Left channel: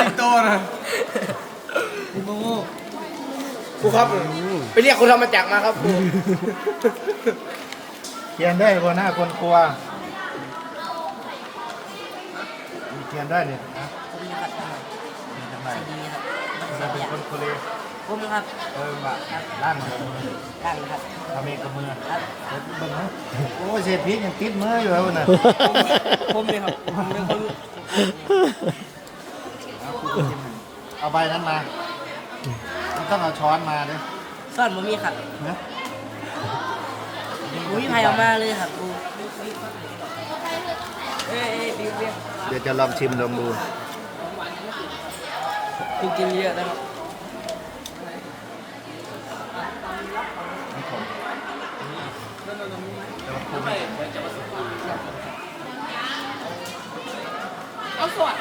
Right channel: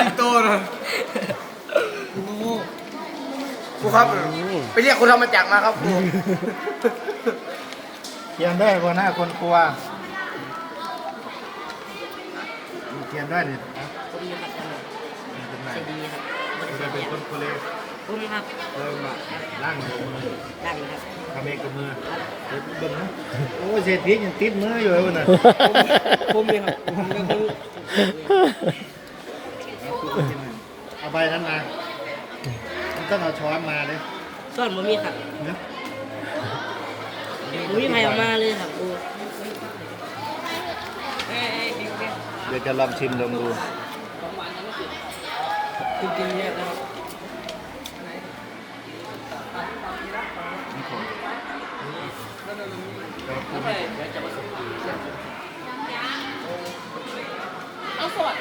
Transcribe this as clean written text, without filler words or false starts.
สิงโตนะครูครับไปเรียกคนธรรมจักรมาครับครู เขียนได้บนหน้าคนครัวเขียนได้เนี่ยนะ ผมครับ เป็นไง ดีครับ มันเป็นคนโคเล ผมครับ มาล่างหัวมือ ดันครับ ทำเองกับมือ ครับ เดี๋ยวเบิ่งนะโอ้ยเศษพริกยังติดมืออยู่เลยวันน่ะ ผมเลยครับผมเป็นคน เอาใบนั้นมามันต้องเอาช้อนมาเนี่ย ซ่อนผมมีครับ นะ ผมมีใครออกมาเลยครับกู เดี๋ยวจะลองชิมลองดู กินเยอะนะครับ เอาสวัสด